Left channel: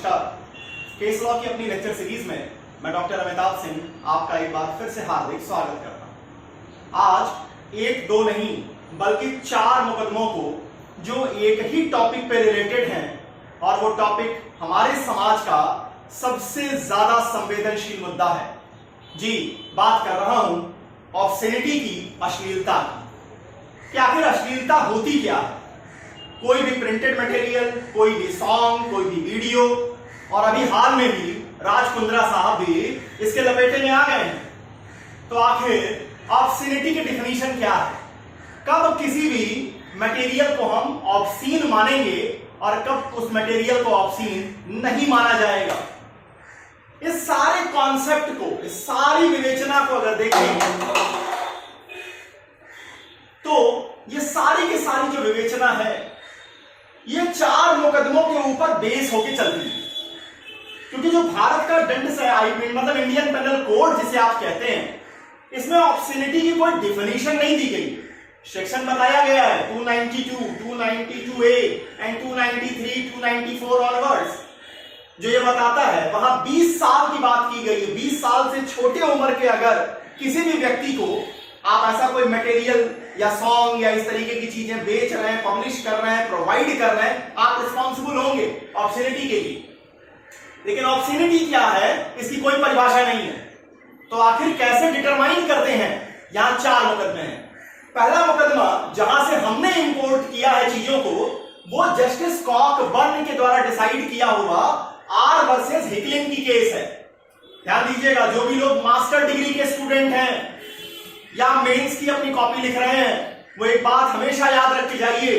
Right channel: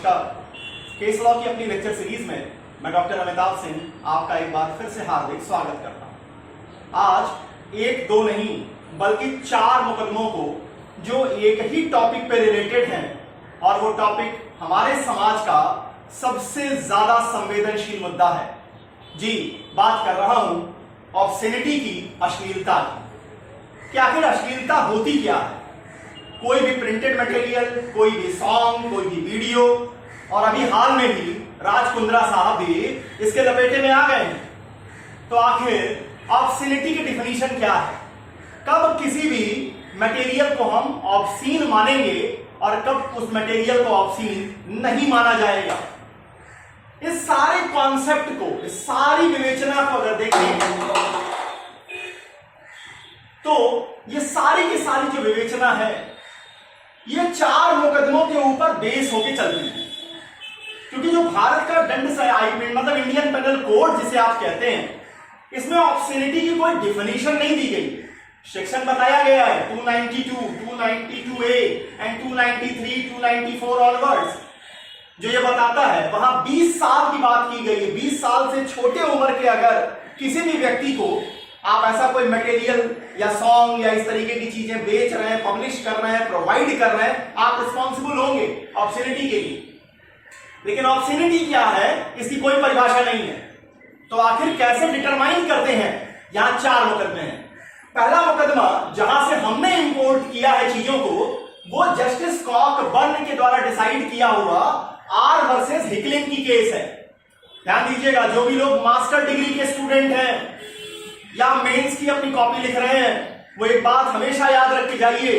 नमस्कार। Case law की अपनी लेक्चर सीरीज में मैं डॉक्टर अमिताभ सिंह आपका एक बार फिर से हार्दिक स्वागत करता हूं। आज एक दो नहीं बल्कि 4 मुकदमों को जो एक ही टॉपिक पे रिलेटेड हैं और वो टॉपिक हमारे समाज का सबसे ज्यादा संवेदनशील मुद्दा है। जी, बात कर रहा हूं ऑब्ससेनिटी की, अश्लीलता की। कि आखिर अश्लीलता होती क्या है? कोई भी प्रिंटेड मटेरियल, कोई भी सॉन्ग, कोई भी वीडियो, और अभी हाल में ही राज कुंद्रा साहब भी इसके लपेटे में आ गए हैं। तो आखिर ऑब्ससीनिटी की डिफिनीशन क्या है? कब किसी भी मटेरियल को हम ऑब्सीन मानेंगे और कब उस मटेरियल को ऑब्सीन नहीं माना जाएगा? इस सारे कॉन्सेप्ट को, इस सारी विवेचना को अगर देखें तो ये सारी की सारी जो विवेचना है ये 4 मुकदमों के ऊपर बेस होकर चलती है। क्योंकि जो भारत का दंड मतलब इंडियन पेनल कोड जिसे आप कहते हैं, इसमें ऑब्ससीनिटी की कोई डिफिनीशन नहीं दी गई। सेक्शन बताया गया है 292, 292A एंड 293, 294 ऑनवर्ड्स, जो ये बताता है वहां 20 साल की बात की गई है। 20 साल से छोटे उम्र के अगर किसी भी व्यक्ति को आप ऐसा कोई मटेरियल या सॉन्ग या इस तरीके की चीजें बेच रहे हैं, पब्लिश कर रहे हैं, प्रोवाइड कर रहे हैं, आप रिस्पॉन्सिबल होंगे ऑब्ससीनिटी के लिए। लेकिन ऑब्ससीनिटी क्या है, इसकी कोई परिभाषा नहीं है। तो आखिर कैसे डिटरमाइन करते हैं? यहां 4 मुकदमे हैं। पहला मुकदमा जहां से हमने इंपोर्ट किया है चीजों को, वो जस्टिस कॉकबर्न के द्वारा डिसाइड किया हुआ आर वर्सेस हिकलिन की केस है। ध्यान दीजिएगा, जो भी लोग मास्टर डिग्री के स्टूडेंट हैं या मेंस की अपनी कॉपी लिख रहे हैं, वो एक बात हमेशा याद रख के जाइए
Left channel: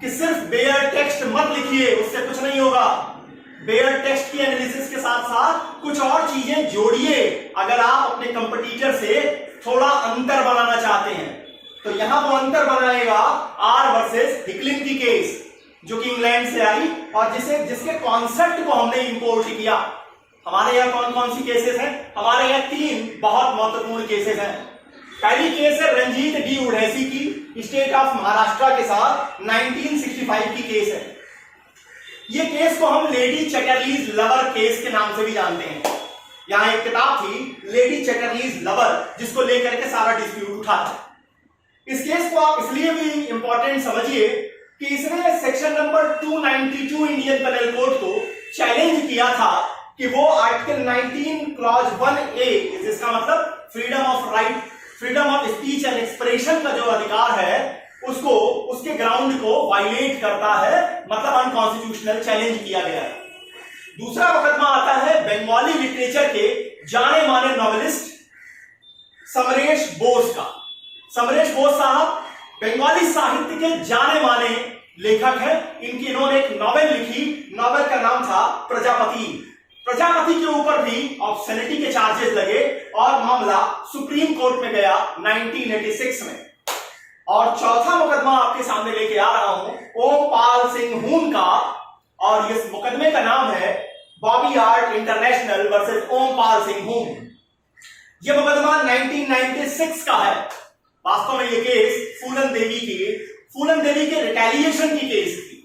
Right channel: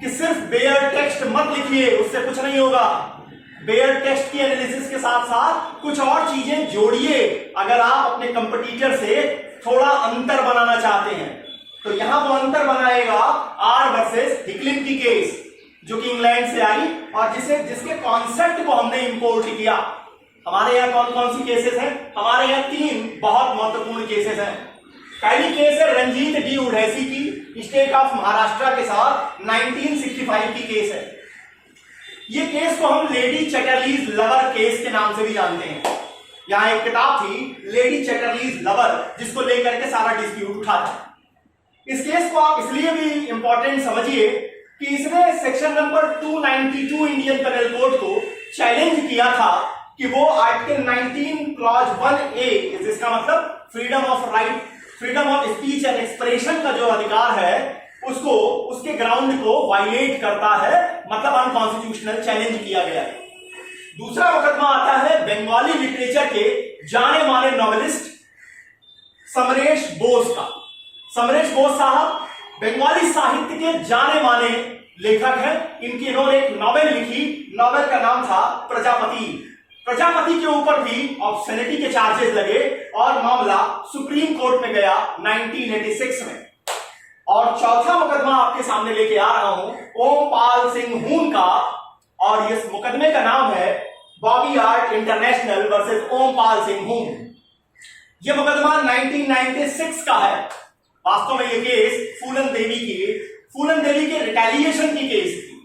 कि सिर्फ बेयर टेक्स्ट मत लिखिए, उससे कुछ नहीं होगा। बेयर टेक्स्ट की एनालिसिस के साथ साथ कुछ और चीजें जोड़िए अगर आप अपने कंपटीटर से थोड़ा अंतर बनाना चाहते हैं। तो यहां वो अंतर बनाएगा आर वर्सेस हिकलिन की केस, जो कि इंग्लैंड से आई और जिसके कॉन्सेप्ट को हमने इंपोर्ट किया। हमारे यहां कौन कौन सी केसेस हैं? हमारे यहां 3 बहुत महत्वपूर्ण केसेस हैं। पहली केस है रंजीत डी उढ़ैसी की, स्टेट ऑफ महाराष्ट्र के साथ 1965 की केस है। ये केस को हम लेडी चैटरलीज लवर केस के नाम से भी जानते हैं। यहां एक किताब थी लेडी चैटरलीज लवर, जिसको लेकर के सारा डिस्प्यूट उठा था। इस केस को आप इसलिए भी इंपॉर्टेंट समझिए कि इसने section number 292 Indian penal code को चैलेंज किया था कि वो आर्टिकल 19 क्लॉज 1A, जिसका मतलब freedom of right, freedom of speech and expression का जो अधिकार है, उसको, उसके ग्राउंड को वायलेट करता है, मतलब अनकॉन्स्टिट्यूशनल चैलेंज किया गया है। दूसरा मुकदमा आता है बंगाली लिटरेचर के जाने माने नॉवेलिस्ट समरेश बोस का। समरेश बोस साहब बंगाली साहित्य के जाने माने लेखक हैं। इन्होंने एक नॉवेल लिखी, नॉवेल का नाम था प्रजापति। प्रजापति के ऊपर भी ऑब्ससीनिटी के चार्जेस लगे और मामला सुप्रीम कोर्ट में गया 1986 में। और चौथा मुकदमा आपके सामने लेके आ रहा हूं ओमपाल सिंह हून का, और इस मुकदमे का नाम है Bobby art international versus Ompal Singh हून। यह मुकदमा 1996 का है। वास्तव में यह केस फूलन देवी के रिटेलिएशन की केस थी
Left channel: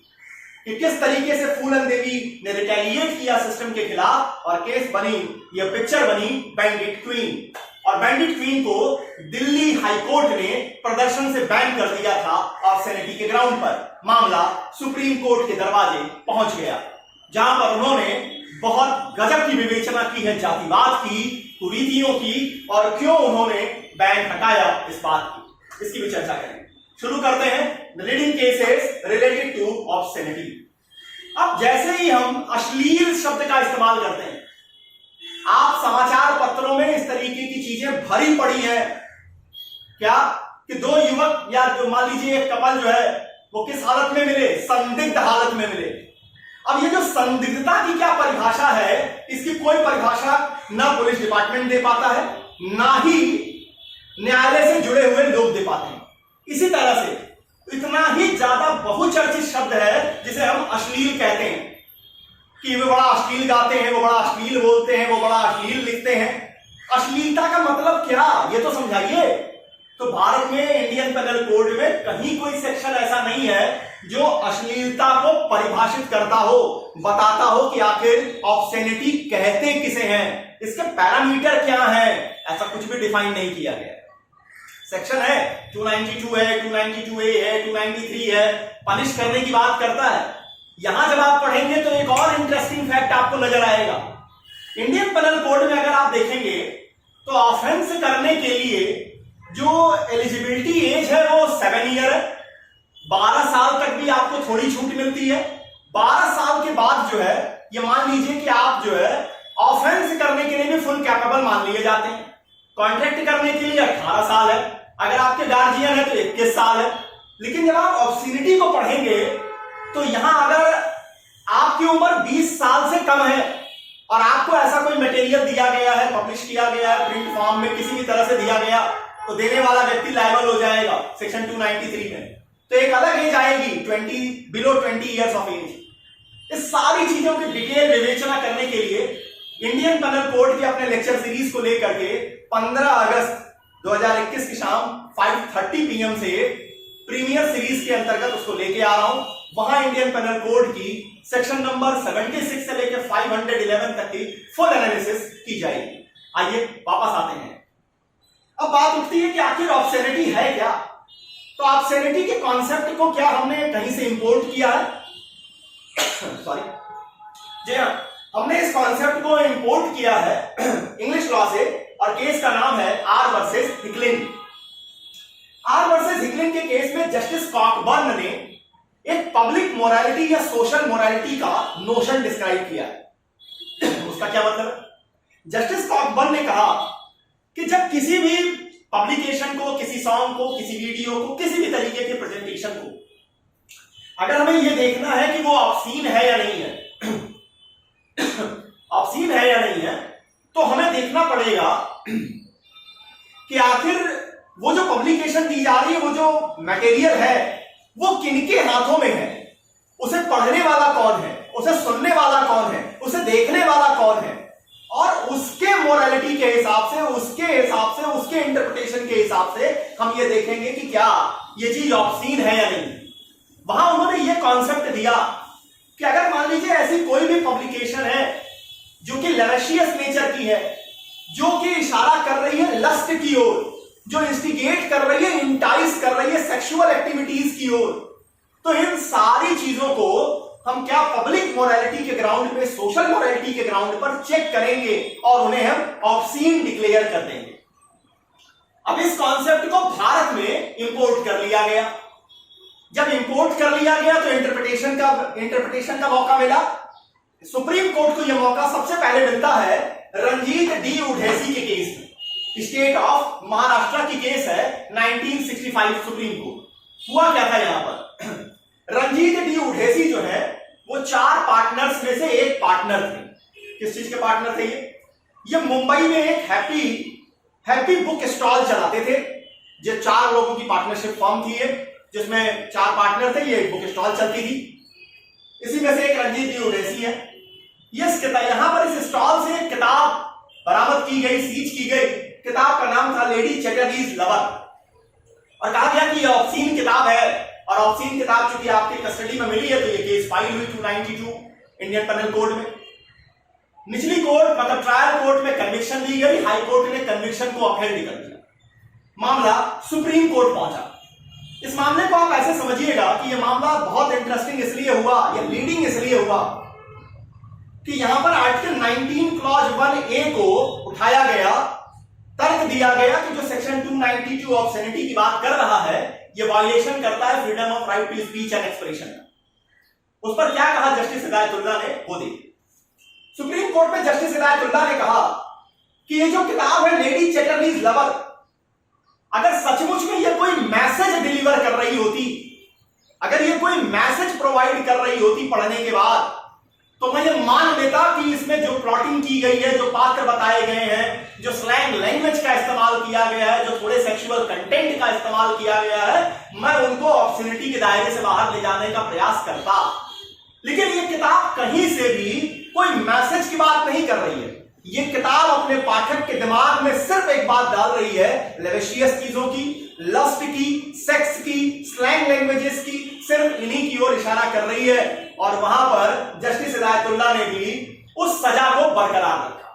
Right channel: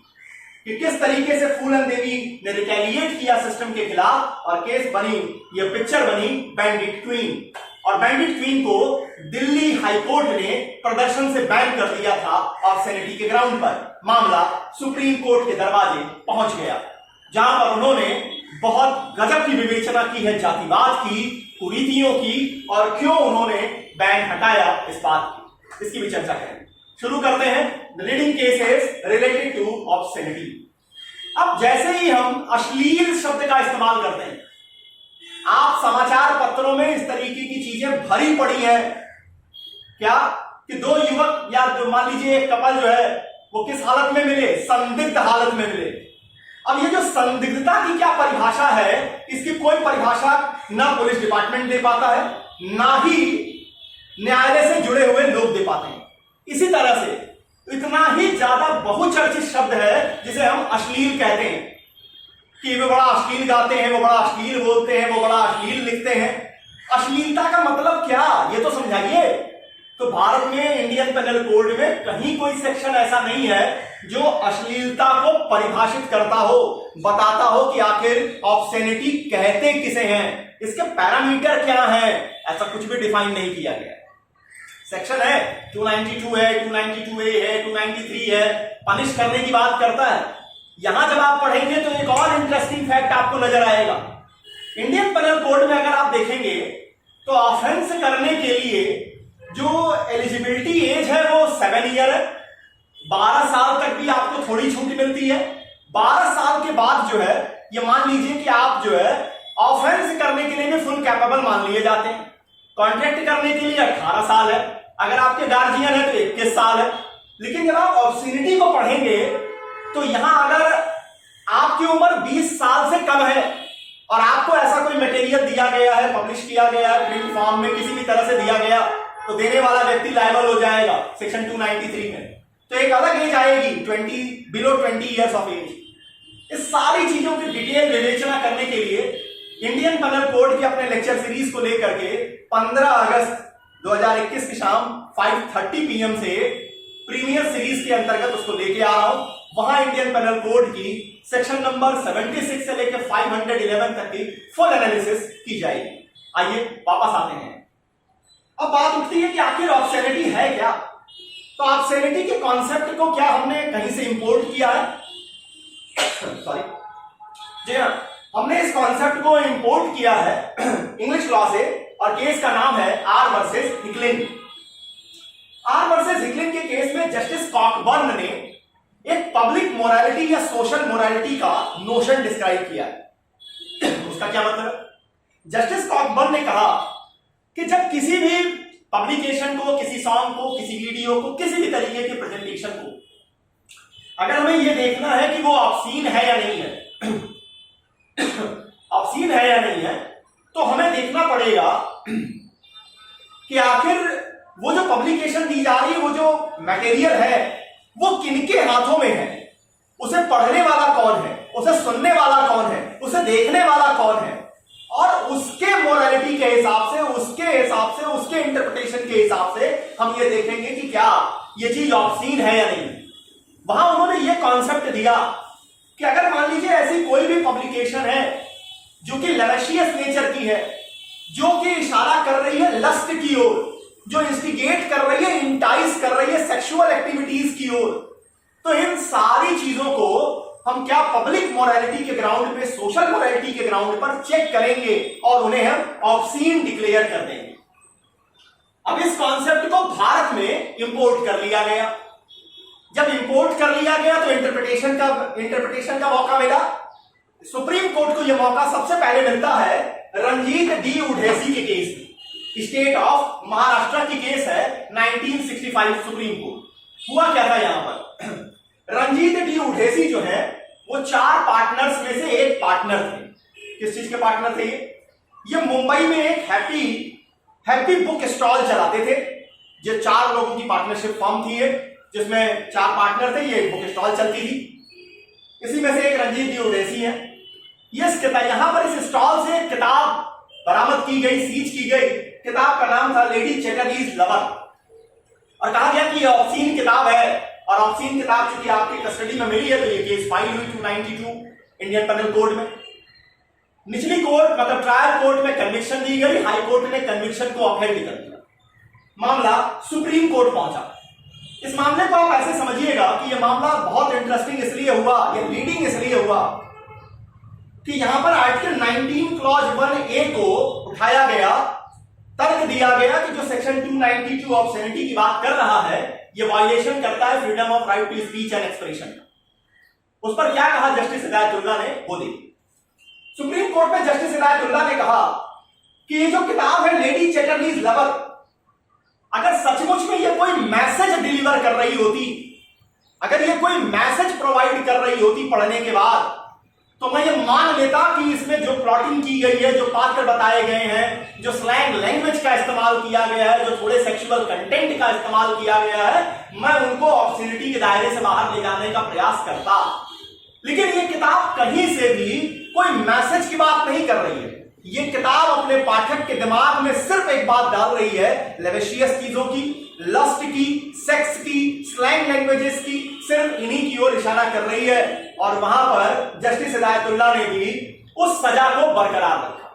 कि किस तरीके से फूलन देवी ने रिटेलिएट किया सिस्टम के खिलाफ, और केस बनी, यह पिक्चर बनी बैंडिट क्वीन। और बैंडिट क्वीन को दिल्ली हाईकोर्ट ने प्रदर्शन से बैन कर दिया था ऑब्ससीनिटी के ग्राउंड पर। मामला सुप्रीम कोर्ट के दरवाजे पहुंच गया, जहां पर उन्होंने बहुत गजब की विवेचना की है जातिवाद की, कुरीतियों की, और क्यों उन्होंने बैन हटाया इस बात की। इसकी भी चर्चा करेंगे। शुरू करते हैं the leading cases related to obscenity. अब जैसे ही हम अश्लील शब्द का इस्तेमाल करते हैं, आप समाचार पत्रों में इस तरीके की चीजें भरी पड़ी है क्या कि 2 युवक या जो मान लीजिए एक कपल जो है वो किस हालत में मिले? संदिग्ध हालत में मिले। अब ये जो संदिग्धता की क्या परिभाषा है, इसकी कोई परिभाषा ना पुलिस डिपार्टमेंट दे पाता है, ना ही न्यायालय से जुड़े हुए लोग दे पाते हैं। इसी तरह से इतना ही ज्यादा बहुचर्चित शब्द है जिसे हम अश्लील कहते हैं कि वो बड़ा अश्लील गाते हैं, वो बड़ा अश्लील बोलते हैं, वो बड़ा अश्लील लिखते हैं। अश्लीलता का मतलब क्या, ये तो समझाइए। तो भारत में इंडियन पेनल कोड में कहीं कोई सेक्शन ऐसा नहीं है जो अश्लीलता को परिभाषित करता हो, बताता हो कि आखिर ऑब्ससेनिटी कहते किसे हैं, इसके पैरामीटर क्या हैं, ऐसा कुछ भी डिफाइन नहीं किया गया। सेक्शन है 292 है, 292A है, 293 है, पनिश करने की बात करता है। यहां जब आप पढ़ेंगे तो एक और इंटरेस्टिंग फैक्ट आपको नजर आएगा। इंडियन पेनल कोड में अगर आप देखेंगे तो ऑफेंस करने के लिए जो एलिजिबिलिटी एज है वो 7 ईयर है। 12 साल तक भी आपको थोड़ी छूट मिलती है। 12 साल के बाद जो है ये मान लीजिए कि आप जो है ऑफेंस करने के लिए भी फुल कैपेबल मान लिए जाते हैं। कॉन्ट्रैक्ट करने के लिए 18 साल है, अगर आपके गार्जियन है तो 21 साल है। लेकिन जब आप ऑब्ससीनिटी को पढ़ेंगे तो यहां अगर आपकी उम्र 20 साल से कम है और आपको ऐसा कोई मटेरियल दिया गया है, पब्लिश किया गया है, प्रिंट फॉर्म में किसी भी तरह से दिया गया, तो देने वाला व्यक्ति लायबल हो जाएगा सेक्शन 293 में। तो एक अलग एज आएगी, बिलो 20 ईयर्स ऑफ एज। इस सारी चीजों की डिटेल विवेचना करने के लिए इंडियन पेनल कोड के अपने लेक्चर सीरीज को लेकर के 15 अगस्त 2021 की शाम 5:30 PM से प्रीमियर सीरीज के अंतर्गत उसको लेके आ रहा हूं। वहां इंडियन पेनल कोड की सेक्शन नंबर 76 से लेकर 511 तक की फुल एनालिसिस की जाएगी। आइए वापस आते हैं। अब बात उठती है कि आखिर ऑब्ससेनिटी है क्या। तो ऑब्ससेनिटी के कॉन्सेप्ट को क्या हमने कहीं से इंपोर्ट किया है? सॉरी, जी हाँ, हमने इस कॉन्सेप्ट को इंपोर्ट किया है इंग्लिश लॉ से, और केस का नाम है R versus Hicklin. R versus Hicklin के केस में जस्टिस कॉकबर्न ने एक पब्लिक मोरालिटी या सोशल मोरालिटी का नोशन डिस्क्राइब किया है। उसका क्या मतलब? जस्टिस कॉकबर्न ने कहा कि जब किसी भी पब्लिकेशन को, किसी सॉन्ग को, किसी वीडियो को, किसी भी तरीके के प्रेजेंटेशन को, अगर हमें यह देखना है कि वो ऑब्सीन है या नहीं है, ऑब्सीन है या नहीं है, तो हमें देखना पड़ेगा कि आखिर वो जो पब्लिकेशन दी जा रही है, वो जो मटेरियल है, वो किनके हाथों में है, उसे पढ़ने वाला कौन है, उसे सुनने वाला कौन है, उसे देखने वाला कौन है, और उसके मोरालिटी के हिसाब से, उसके इंटरप्रिटेशन के हिसाब से हम ये देखेंगे कि क्या ये चीज ऑब्सीन है या नहीं। वहां उन्होंने ये कॉन्सेप्ट दिया कि अगर मान लीजिए ऐसी कोई भी पब्लिकेशन है जो कि लेवेशियस नेचर की है, जो कि इशारा कर रही है लस्ट की ओर, जो इंस्टिगेट कर रही है, इंटाइस कर रही है सेक्सुअल एक्टिविटीज की ओर, तो इन सारी चीजों को हम क्या पब्लिक मोरालिटी के ग्राउंड पे, सोशल मोरालिटी के ग्राउंड पर चेक करेंगे और उन्हें हम ऑब्सीन डिक्लेयर कर देंगे। अब इस कॉन्सेप्ट को भारत में इंपोर्ट कर लिया गया। जब इंपोर्ट कर लिया गया तो इंटरप्रिटेशन का मौका मिला। सुप्रीम कोर्ट को यह मौका सबसे पहले मिलता है रंजीत डी उढ़ेसी के केस में। स्टेट ऑफ महाराष्ट्र की केस है 1965 सुप्रीम कोर्ट। हुआ क्या था यहां पर? रंजीत डी उढ़ेसी जो है वो 4 पार्टनर्स में से एक पार्टनर थे। किस चीज के पार्टनर थे ये मुंबई में एक हैप्पी बुक स्टॉल चलाते थे। जो 4 लोगों की पार्टनरशिप फर्म थी जिसमें 4 पार्टनर थे, ये एक बुक स्टॉल चलती थी। इसी में से एक रंजीत डी उढ़ेसी है। यहां पर इस स्टॉल से एक किताब बरामद की गई, सीज की गई। किताब का नाम था लेडी चैटर्जीज लवर, और कहा गया कि यह ऑब्सीन किताब है, और ऑब्सीन किताब चूंकि आपकी कस्टडी में मिली है तो ये केस फाइल हुई 292 इंडियन पेनल कोड में। निचली कोर्ट मतलब ट्रायल कोर्ट में कन्विक्शन दी गई, हाई कोर्ट ने कन्विक्शन को अपहेल्ड कर दिया। मामला सुप्रीम कोर्ट पहुंचा। इस मामले को आप ऐसे समझिएगा कि यह मामला बहुत इंटरेस्टिंग इसलिए हुआ, यह लीडिंग इसलिए हुआ कि यहां पर आर्टिकल 19 क्लॉज 1A को उठाया गया। तर्क दिया गया कि जो सेक्शन 292 ऑब्ससेनिटी की बात कर रहा है, यह वायलेशन करता है freedom of right to speech and expression का। उस पर क्या कहा जस्टिस हिदायतुल्लाह ने, वो देखिए। सुप्रीम कोर्ट में जस्टिस हिदायतुल्लाह ने कहा कि ये जो किताब है लेडी चैटर्जीज लवर, अगर सचमुच में ये कोई मैसेज डिलीवर कर रही होती, अगर ये कोई मैसेज प्रोवाइड कर रही होती पढ़ने के बाद, तो मैं ये मान लेता कि इसमें जो प्लॉटिंग की गई है, जो पात्र बताए गए हैं, जो स्लैंग लैंग्वेज का इस्तेमाल किया गया है, जो थोड़े सेक्सुअल कंटेंट का इस्तेमाल किया गया है, मैं उनको ऑब्ससेनिटी के दायरे से बाहर ले जाने का प्रयास करता। लेकिन ये किताब कहीं से भी कोई मैसेज की बात नहीं कर रही है। ये किताब अपने पाठक के दिमाग में सिर्फ एक बात डाल रही है, लेवेशियस चीजों की, लस्ट की, सेक्स की, स्लैंग लैंग्वेजेस की, सिर्फ इन्हीं की ओर इशारा कर रही है और वहां पर जस्टिस हिदायतुल्लाह ने भी उस सजा को बरकरार रखा।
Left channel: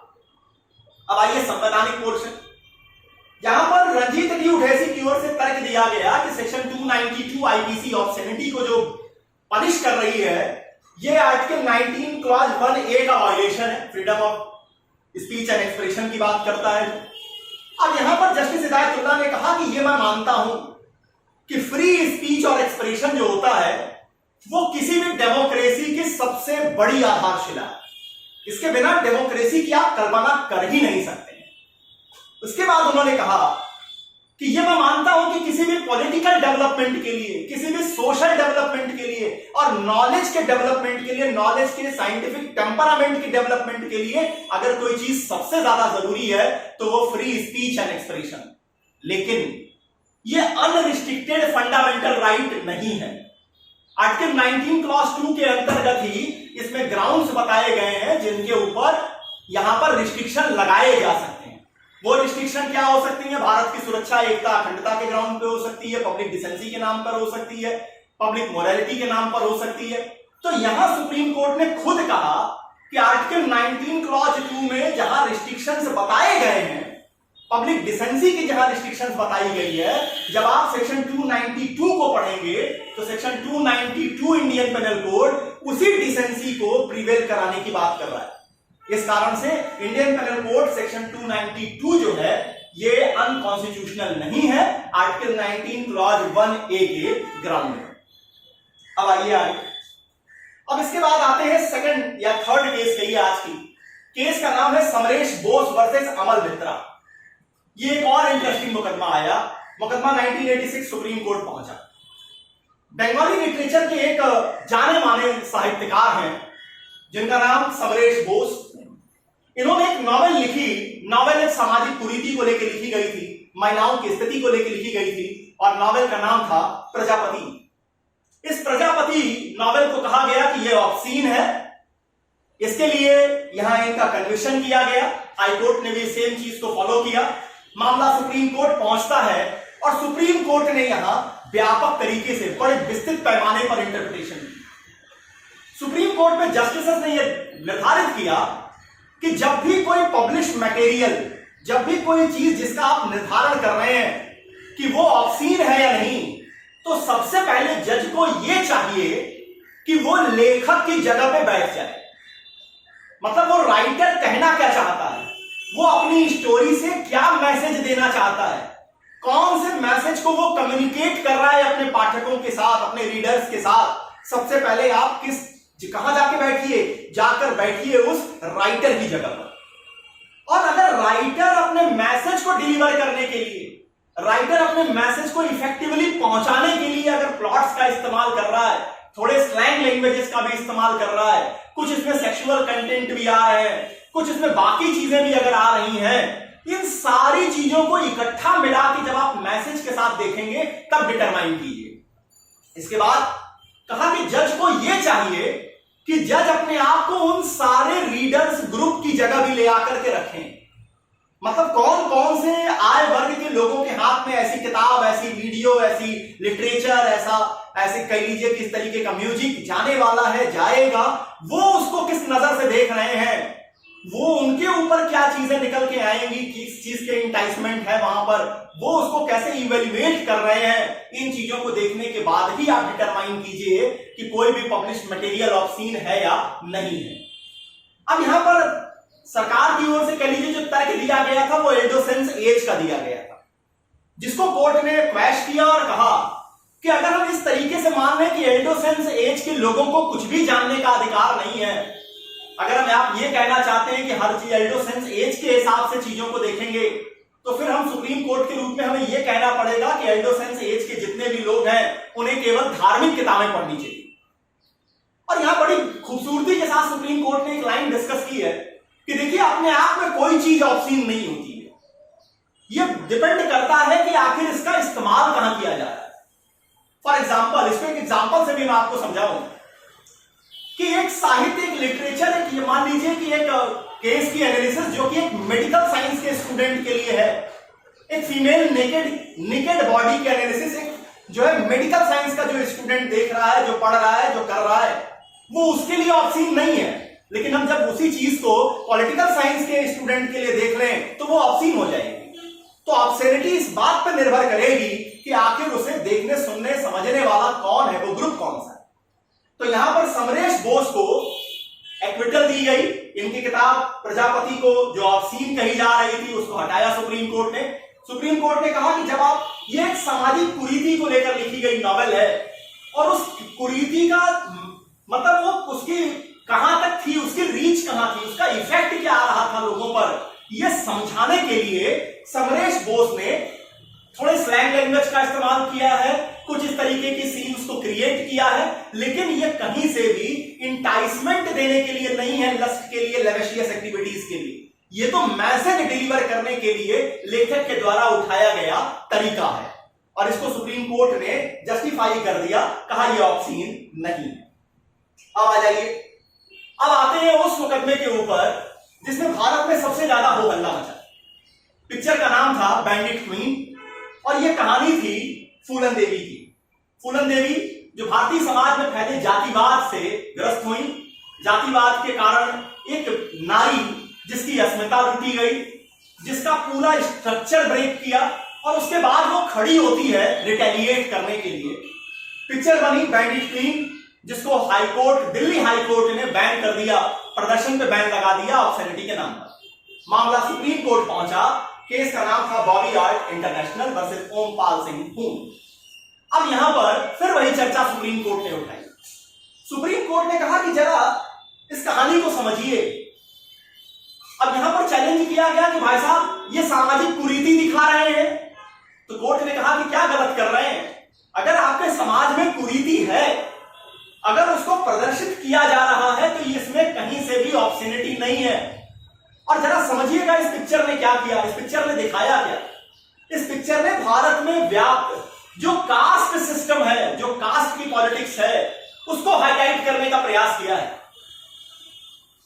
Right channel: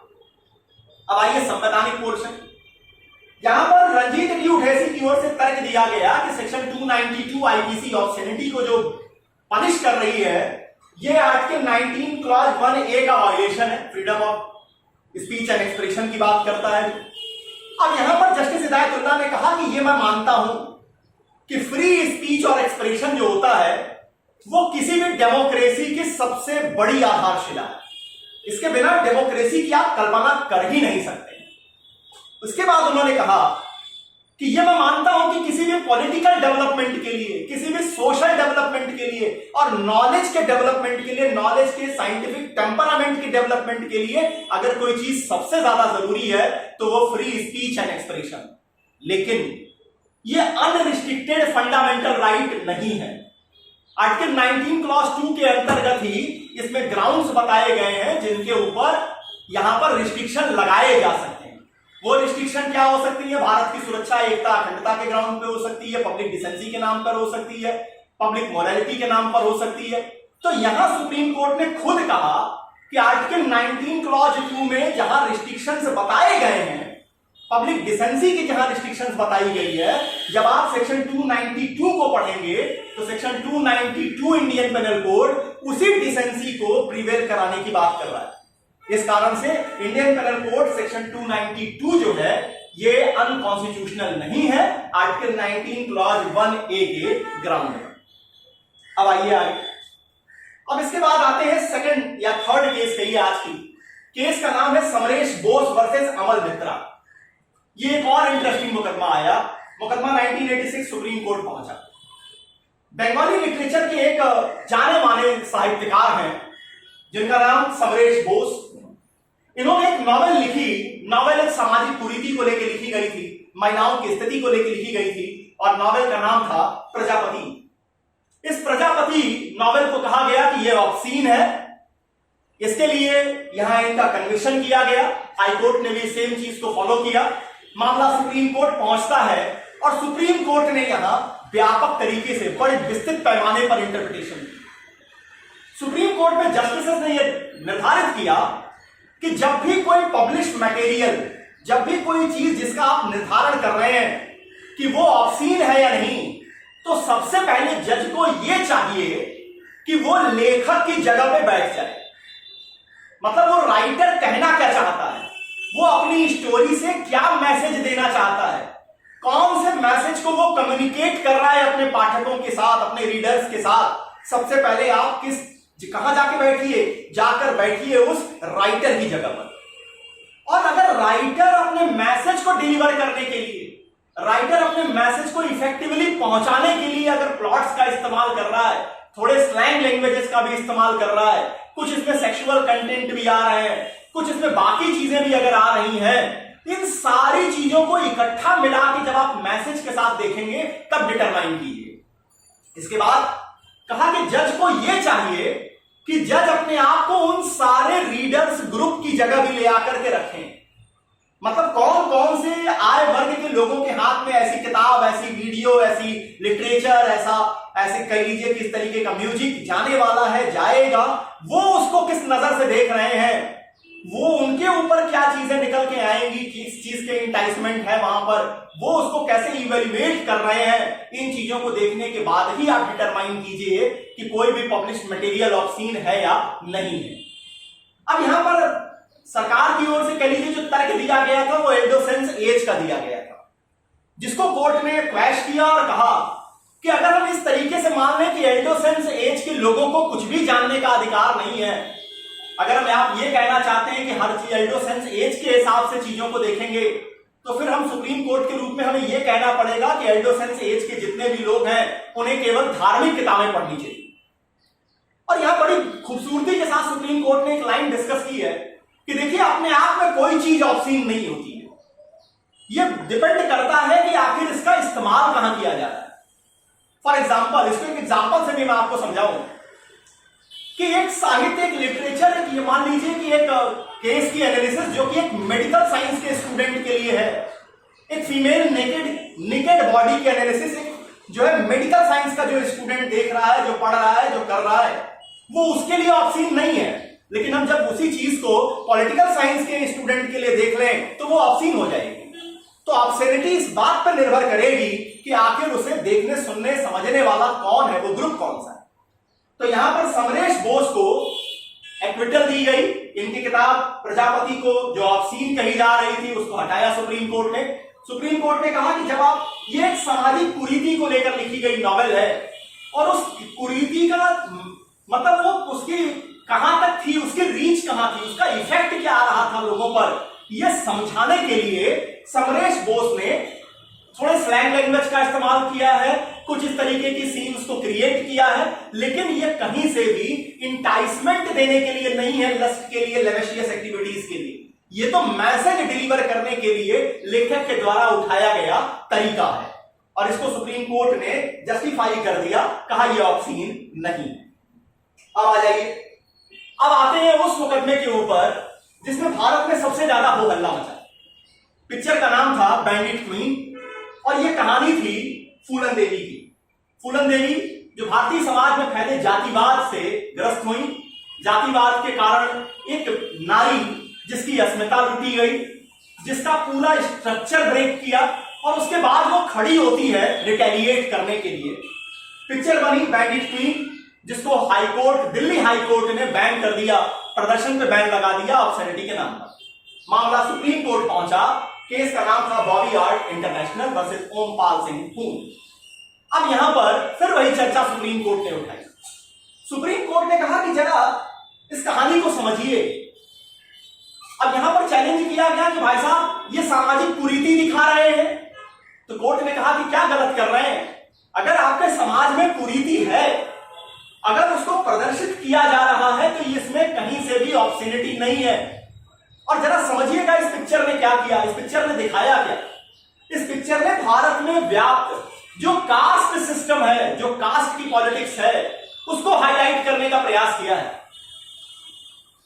अब आइए संवैधानिक पोर्शन। यहां पर रंजीत डी उठैसी की ओर से तर्क दिया गया कि सेक्शन 292 आईपीसी ऑब्ससेनिटी को जो पनिश कर रही है, यह आर्टिकल 19 क्लॉज 1A का वायलेशन है, freedom of speech and expression की बात करता है। अब यहां पर जस्टिस हिदायतुल्लाह ने कहा कि यह मैं मानता हूं कि फ्री स्पीच और एक्सप्रेशन जो होता है वो किसी भी डेमोक्रेसी की सबसे बड़ी आधारशिला है। इसके बिना डेमोक्रेसी की आप कल्पना कर ही नहीं सकते। उसके बाद उन्होंने कहा कि यह मैं मानता हूं कि किसी भी पॉलिटिकल डेवलपमेंट के लिए, किसी भी सोशल डेवलपमेंट के लिए और नॉलेज के डेवलपमेंट के लिए, नॉलेज के साइंटिफिक टेम्परामेंट के डेवलपमेंट के लिए अगर कोई चीज सबसे ज्यादा जरूरी है तो वो फ्री स्पीच एंड एक्सप्रेशन। लेकिन यह अनरिस्ट्रिक्टेड फंडामेंटल राइट नहीं है। आर्टिकल 19 क्लॉज 2 के अंतर्गत ही इसमें ग्राउंड्स बताए गए हैं जिनके ऊपर यहां पर रिस्ट्रिक्शन लगाए जा सकते हैं। वो रिस्ट्रिक्शन क्या हो सकती है? भारत की सुरक्षा, एकता, अखंडता के ग्राउंड पे हो सकती है, पब्लिक डिसेंसी के नाम पर हो सकती है, पब्लिक मोरालिटी के नाम पर हो सकती है। तो यहां सुप्रीम कोर्ट ने खुद कहा कि आर्टिकल 19 क्लॉज 2 में जहां रिस्ट्रिक्शंस बताए गए हैं, पब्लिक डिसेंसी की जहां रिस्ट्रिक्शंस बताई गई है, जब आप सेक्शन 292 को पढ़ेंगे तो सेक्शन 292 इंडियन पेनल कोड उसी डिसेंसी को प्रिवेल कराने की बात कर रहा है। इस कारण से इंडियन पेनल कोड सेक्शन 292 जो है ये अनकॉन्स्टिट्यूशनल नहीं है आर्टिकल 19 क्लॉज 1A के ग्राउंड में। अब आइए आगे। अब इसके बाद आते हैं सेकंड या थर्ड केस कहिए आज की। केस का नाम है समरेश बोस वर्सेस अमल मित्रा। ये एक और इंटरेस्टिंग मुकदमा आया। मुकदमा 1986 सुप्रीम कोर्ट पहुंचा। बंगाली लिटरेचर के एक जाने माने साहित्यकार हैं जिनका नाम समरेश बोस। इन्होंने एक नॉवेल लिखी। नॉवेल एक सामाजिक कुरीति को लेकर लिखी गई थी, महिलाओं की स्थिति को लेकर लिखी गई थी और नॉवेल का नाम था प्रजापति। इस प्रजापति नॉवेल को कहा गया कि यह ऑब्सीन है। इसके लिए यहां इनका कन्विक्शन किया गया। हाई कोर्ट ने भी सेम चीज को फॉलो किया। मामला सुप्रीम कोर्ट पहुंचता है और सुप्रीम कोर्ट ने यहां व्यापक तरीके से बड़े विस्तृत पैमाने पर इंटरप्रिटेशन की। सुप्रीम कोर्ट में जस्टिसेस ने यह निर्धारित किया कि जब भी कोई पब्लिश मटेरियल, जब भी कोई चीज जिसका आप निर्धारण कर रहे हैं कि वो ऑब्सीन है या नहीं, तो सबसे पहले जज को यह चाहिए कि वो लेखक की जगह पे बैठ जाए। मतलब वो राइटर कहना क्या चाहता है, वो अपनी स्टोरी से क्या मैसेज देना चाहता है, कौन से मैसेज को वो कम्युनिकेट कर रहा है अपने पाठकों के साथ, अपने रीडर्स के साथ। सबसे पहले आप कहां जाके बैठिए, जाकर बैठिए उस राइटर की जगह पर। और अगर राइटर अपने मैसेज को डिलीवर करने के लिए, राइटर अपने मैसेज को इफेक्टिवली पहुंचाने के लिए अगर प्लॉट्स का इस्तेमाल कर रहा है, थोड़े स्लैंग लैंग्वेजेस का भी इस्तेमाल कर रहा है, कुछ इसमें सेक्सुअल कंटेंट भी आ रहे हैं, कुछ इसमें बाकी चीजें भी अगर आ रही हैं, इन सारी चीजों को इकट्ठा मिला के जब आप मैसेज के साथ देखेंगे तब डिटरमाइन कीजिए। इसके बाद कहा कि जज को यह चाहिए कि जज अपने आप को उन सारे रीडर्स ग्रुप की जगह भी ले आकर के रखें। मतलब कौन कौन से आय वर्ग के लोगों के हाथ में ऐसी किताब, ऐसी वीडियो, ऐसी लिटरेचर, ऐसे कह लीजिए किस तरीके का म्यूजिक जाने वाला है, जाएगा, वो उसको किस नजर से देख रहे हैं, वो उनके ऊपर क्या चीजें निकल के आएंगी, किस चीज के इंटाइसमेंट है वहां पर, वो उसको कैसे इवेल्युएट कर रहे हैं। इन चीजों को देखने के बाद ही आप डिटरमाइन कीजिए कि कोई भी पब्लिश मटेरियल ऑब्सीन है या नहीं है। अब यहां पर सरकार की ओर से कह लीजिए जो तर्क दिया गया था वो एडोसेंस एज का दिया गया था, जिसको कोर्ट ने क्वैश किया और कहा कि अगर हम इस तरीके से मान लें कि एडोसेंस एज के लोगों को कुछ भी जानने का अधिकार नहीं है, अगर हम आप ये कहना चाहते हैं कि हर चीज एडोसेंस एज के हिसाब से चीजों को देखेंगे, तो फिर हम सुप्रीम कोर्ट के रूप में हमें यह कहना पड़ेगा कि एडोसेंस एज के जितने भी लोग हैं उन्हें केवल धार्मिक किताबें पढ़नी चाहिए। और यहां बड़ी खूबसूरती के साथ सुप्रीम कोर्ट ने एक लाइन डिस्कस की है कि देखिए अपने आप में कोई चीज ऑब्सीन नहीं होती है, यह डिपेंड करता है कि आखिर इसका इस्तेमाल कहां किया जा रहा है। फॉर एग्जाम्पल, इसको एक एग्जाम्पल से भी मैं आपको समझाऊं कि एक साहित्य, एक लिटरेचर, एक ये मान लीजिए कि एक केस की एनालिसिस जो कि एक मेडिकल साइंस के स्टूडेंट के लिए है, एक फीमेल नेकेड बॉडी की एनालिसिस एक जो है मेडिकल साइंस का जो स्टूडेंट देख रहा है, जो पढ़ रहा है, जो कर रहा है, वो उसके लिए ऑब्सीन नहीं है। लेकिन हम जब उसी चीज को पॉलिटिकल साइंस के स्टूडेंट के लिए देख लें तो वो ऑब्सीन हो जाएगी। तो ऑब्सेनिटी इस बात पर निर्भर करेगी कि आखिर उसे देखने, सुनने, समझने वाला कौन है, वो ग्रुप कौन सा है। तो यहां पर समरेश बोस को एक्विटल दी गई। इनकी किताब प्रजापति को जो ऑब्सीन कही जा रही थी उसको हटाया सुप्रीम कोर्ट ने। सुप्रीम कोर्ट ने कहा कि जब आप, ये एक सामाजिक कुरीति को लेकर लिखी गई नॉवेल है और उस कुरीति का मतलब वो उसकी कहां तक थी, उसकी रीच कहां थी, उसका इफेक्ट क्या आ रहा था लोगों पर, यह समझाने के लिए समरेश बोस ने थोड़े स्लैंग लैंग्वेज का इस्तेमाल किया है, कुछ इस तरीके की सीन्स को क्रिएट किया है, लेकिन ये कहीं से भी इंटाइसमेंट देने के लिए नहीं है, लस्ट के लिए, लेवेशियस एक्टिविटीज के लिए। ये तो मैसेज डिलीवर करने के लिए लेखक के द्वारा उठाया गया तरीका है और इसको सुप्रीम कोर्ट ने जस्टिफाई कर दिया, कहा यह ऑब्सीन नहीं। अब आ जाइए, अब आते हैं उस मुकदमे के ऊपर जिसमें भारत में सबसे ज्यादा हो हल्ला मचा। पिक्चर का नाम था बैंडिट क्वीन और यह कहानी थी फूलन देवी की। फूलन देवी जो भारतीय समाज में फैले जातिवाद से ग्रस्त हुई। जातिवाद के कारण एक नारी जिसकी अस्मिता लूटी गई, जिसका पूरा स्ट्रक्चर ब्रेक किया और उसके बाद वो खड़ी होती है रिटेलिएट करने के लिए। पिक्चर बनी बैंडिट क्वीन, जिसको हाईकोर्ट, दिल्ली हाईकोर्ट ने बैन कर दिया, प्रदर्शन पे बैन लगा दिया ऑब्सेनिटी के नाम पर। मामला सुप्रीम कोर्ट पहुंचा। केस का नाम था Bobby art international versus Ompal Singh पून। अब यहां पर फिर वही चर्चा सुप्रीम कोर्ट ने उठाई। सुप्रीम कोर्ट ने कहा कि जरा इस कहानी को समझिए। अब यहां पर चैलेंज किया गया कि भाई साहब ये सामाजिक कुरीति दिखा रहे हैं। तो कोर्ट ने कहा कि क्या गलत कर रहे हैं? अगर आपके समाज में कुरीति है, अगर उसको प्रदर्शित किया जा रहा है तो इसमें कहीं से भी ऑब्सेनिटी नहीं है। और जरा समझिएगा इस पिक्चर ने क्या किया, इस पिक्चर ने दिखाया क्या। इस पिक्चर ने भारत में व्याप्त जो कास्ट सिस्टम है, जो कास्ट की पॉलिटिक्स है, उसको हाईलाइट करने का प्रयास किया है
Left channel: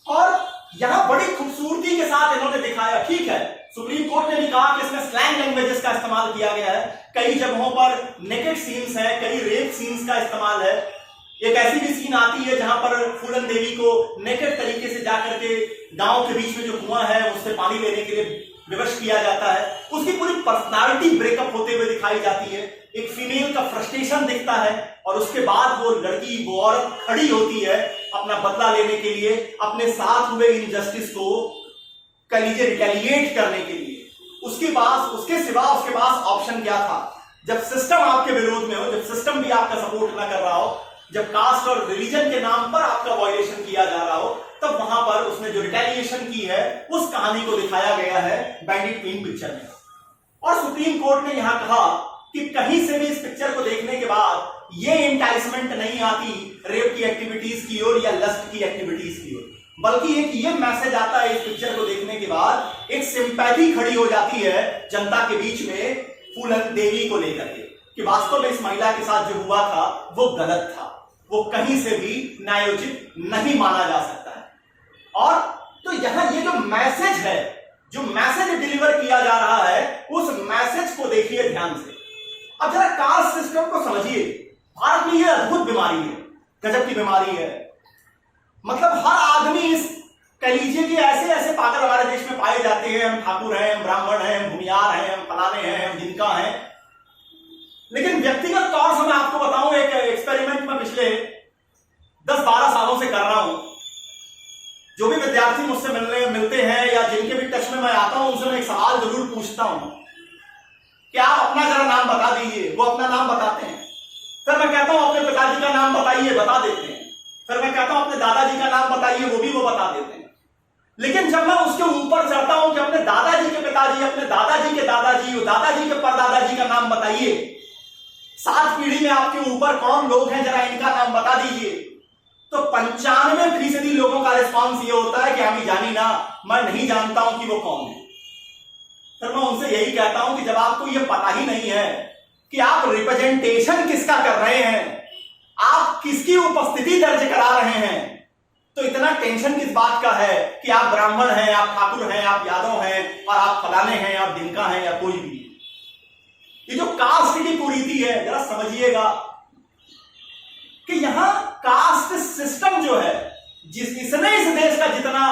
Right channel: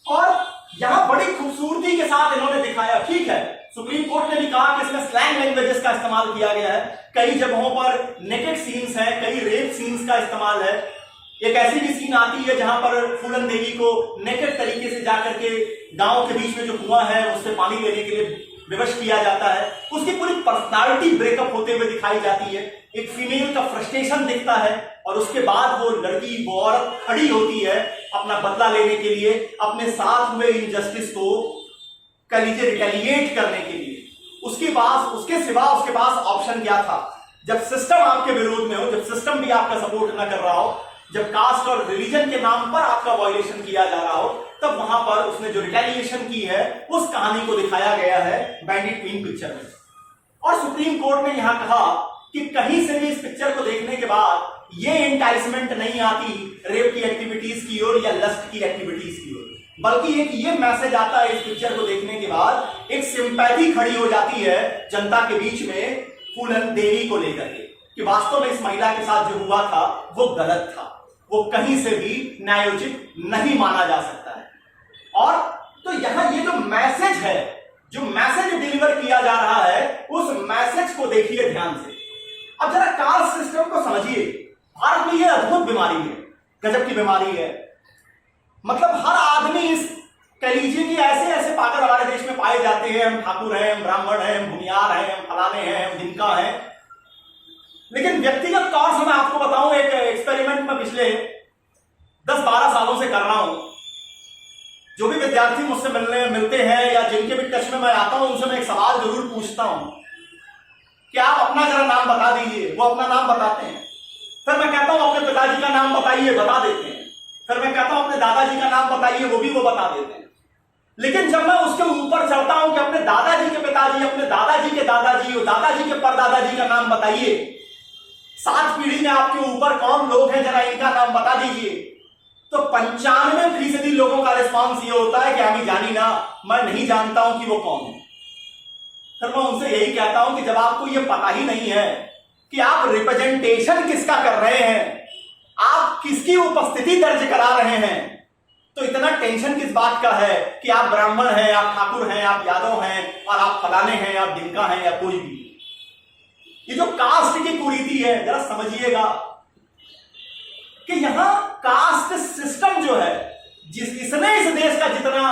और यहां बड़ी खूबसूरती के साथ इन्होंने दिखाया। ठीक है, सुप्रीम कोर्ट ने भी कहा कि इसमें स्लैंग लैंग्वेजेस का इस्तेमाल किया गया है, कई जगहों पर नेकेड सीन्स है, कई रेप सीन्स का इस्तेमाल है। एक ऐसी भी सीन आती है जहां पर फूलन देवी को नेकेड तरीके से जाकर के गांव के बीच में जो कुआं है उससे पानी लेने के लिए विवश किया जाता है। उसकी पूरी पर्सनालिटी ब्रेकअप होते हुए दिखाई जाती है। एक फीमेल का फ्रस्ट्रेशन दिखता है और उसके बाद वो लड़की, वो औरत खड़ी होती है अपना बदला लेने के लिए, अपने साथ हुए इनजस्टिस को कह लीजिए रिटेलिएट करने के लिए। उसके पास ऑप्शन क्या था? जब सिस्टम आपके विरोध में हो, जब सिस्टम भी आपका सपोर्ट ना कर रहा हो, जब कास्ट और रिलीजन के नाम पर आपका वायलेशन किया जा रहा हो, तब वहां पर उसने जो रिटेलिएशन की है उस कहानी को दिखाया गया है बैंडिट क्वीन पिक्चर में। और सुप्रीम कोर्ट ने यहां कहा कि कहीं से भी इस पिक्चर को देखने के बाद ये इंटाइसमेंट नहीं आती रेप की एक्टिविटीज की ओर या लस्ट की एक्टिविटीज की ओर, बल्कि एक ये मैसेज आता है इस पिक्चर को देखने के बाद, एक सिंपैथी खड़ी हो जाती है जनता के बीच में फूलन देवी को लेकर के कि वास्तव में इस महिला के साथ जो हुआ था वो गलत था, वो कहीं से भी न्यायोचित नहीं माना जा सकता है। और तो यहां ये जो मैसेज है, जो मैसेज डिलीवर किया जा रहा है, उस मैसेज को देखिए ध्यान से। अब जरा कास्ट सिस्टम को समझिए। भारत में ये अद्भुत बीमारी है, गजब की बीमारी है। मतलब हर आदमी इस कह लीजिए कि ऐसे ऐसे पागल हमारे देश में पाए जाते हैं। हम ठाकुर हैं, हम ब्राह्मण हैं, हम भूमियार हैं, हम फलाने हैं, हम जिनका हैं। लेकिन व्यक्तिगत तौर से मैं आपको बताऊं, एक एक्सपेरिमेंट में पिछले 10-12 सालों से कर रहा हूं। जो भी विद्यार्थी मुझसे मिलते हैं या जिनके भी टच में मैं आता हूं, उनसे मैं एक सवाल जरूर पूछता हूं कि आप अपना जरा नाम बता दीजिए। वो अपना नाम बताते हैं। फिर मैं कहता हूं अपने पिताजी का नाम बताइए, बता देते हैं। फिर मैं कहता हूं अपने दादाजी का नाम बताइए, वो भी वो बता देते हैं। लेकिन जब मैं उसके ऊपर चढ़ता हूं कि अपने दादाजी के पिताजी, अपने दादाजी के दादाजी और दादाजी के परदादाजी का नाम बताइए, 7 पीढ़ी में आपके ऊपर कौन लोग हैं, जरा इनका नाम बता दीजिए, तो 95% लोगों का रिस्पॉन्स ये होता है कि हमें जानी ना, मैं नहीं जानता हूं कि वो कौन है। फिर मैं उनसे यही कहता हूं कि जब आपको ये पता ही नहीं है कि आप रिप्रेजेंटेशन किसका कर रहे हैं, आप किसकी उपस्थिति दर्ज करा रहे हैं, तो इतना टेंशन किस बात का है कि आप ब्राह्मण हैं, आप ठाकुर हैं, आप यादव हैं और आप फलाने हैं, आप जिनका हैं या कोई भी। ये जो कास्ट की कुरीति है, जरा समझिएगा कि यहां कास्ट सिस्टम जो है, इसने इस देश का जितना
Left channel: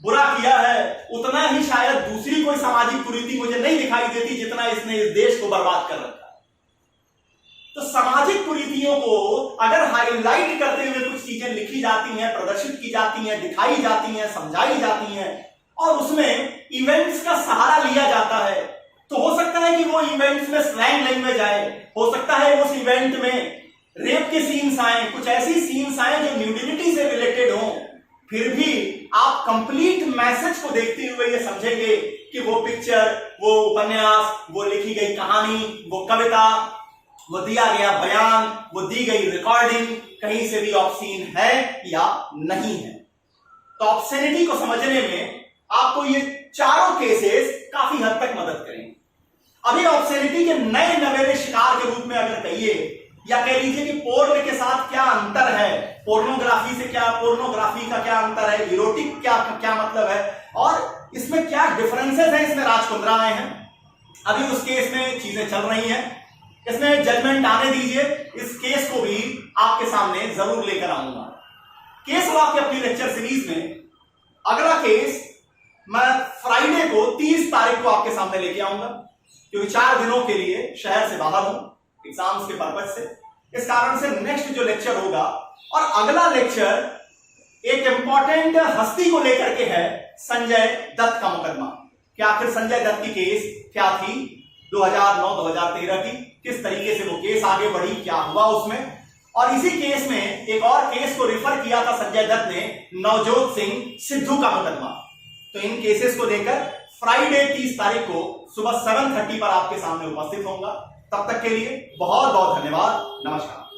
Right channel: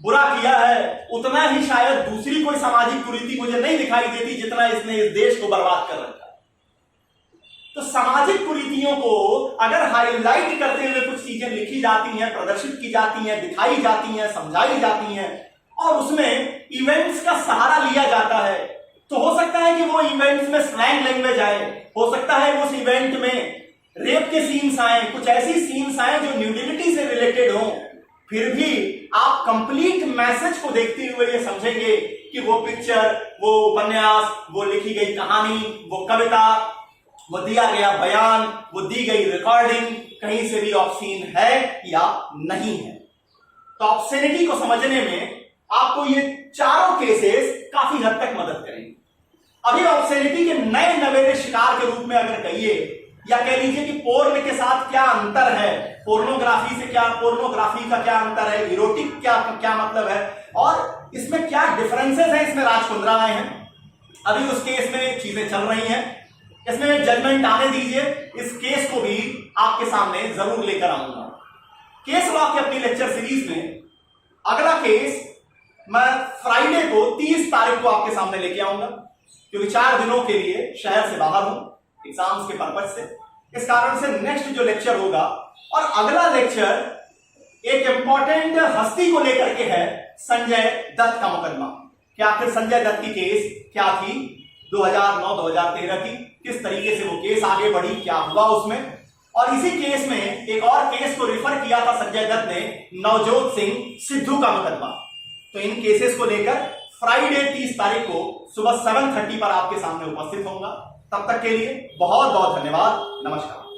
बुरा किया है, उतना ही शायद दूसरी कोई सामाजिक कुरीति मुझे नहीं दिखाई देती जितना इसने इस देश को बर्बाद कर रखा है। तो सामाजिक कुरीतियों को अगर हाईलाइट करते हुए कुछ चीजें लिखी जाती हैं, प्रदर्शित की जाती हैं, दिखाई जाती हैं, समझाई जाती हैं, और उसमें इवेंट्स का सहारा लिया जाता है, तो हो सकता है कि वो इवेंट्स में स्लैंग लैंग्वेज आए, हो सकता है उस इवेंट में रेप के सीन्स आए, कुछ ऐसी सीन्स आए जो न्यूडिलिटी से रिलेटेड हो, फिर भी आप कंप्लीट मैसेज को देखते हुए ये समझेंगे कि वो पिक्चर, वो उपन्यास, वो लिखी गई कहानी, वो कविता, वो दिया गया बयान, वो दी गई रिकॉर्डिंग कहीं से भी ऑब्सीन है या नहीं है। तो ऑब्सेनिटी को समझने में आपको ये चारों केसेस काफी हद तक मदद करेंगे। अभी ऑब्सेनिटी के नए नवेले शिकार के रूप में अगर कहिए, या कह लीजिए कि पोर्न के साथ क्या अंतर है, पोर्नोग्राफी से क्या, पोर्नोग्राफी का क्या अंतर है, इरोटिक क्या मतलब है, और इसमें क्या डिफरेंसेस हैं, इसमें राज कुंद्रा आए हैं, अभी उस केस में चीजें चल रही हैं, इसमें जजमेंट आने दीजिए, इस केस को भी आपके सामने जरूर लेकर आऊंगा। केस लॉ की अपनी लेक्चर सीरीज में अगला केस मैं फ्राइडे को 30 तारीख को आपके सामने लेके आऊंगा, क्योंकि 4 दिनों के लिए शहर से बाहर हूं एग्जाम्स के पर्पज से। इस कारण से नेक्स्ट जो लेक्चर होगा, और अगला लेक्चर एक इंपॉर्टेंट हस्ती को लेकर के है, संजय दत्त का मुकदमा। कि आखिर संजय दत्त की केस क्या थी 2009-2013 की, किस तरीके से वो केस आगे बढ़ी, क्या हुआ उसमें, और इसी केस में एक और केस को रिफर किया था संजय दत्त ने, नवजोत सिंह सिद्धू का मुकदमा। तो इन केसेस को लेकर फ्राइडे 30 तारीख को सुबह 7:30 पर आपके सामने उपस्थित होऊंगा। तब तक के लिए बहुत बहुत धन्यवाद। नमस्कार।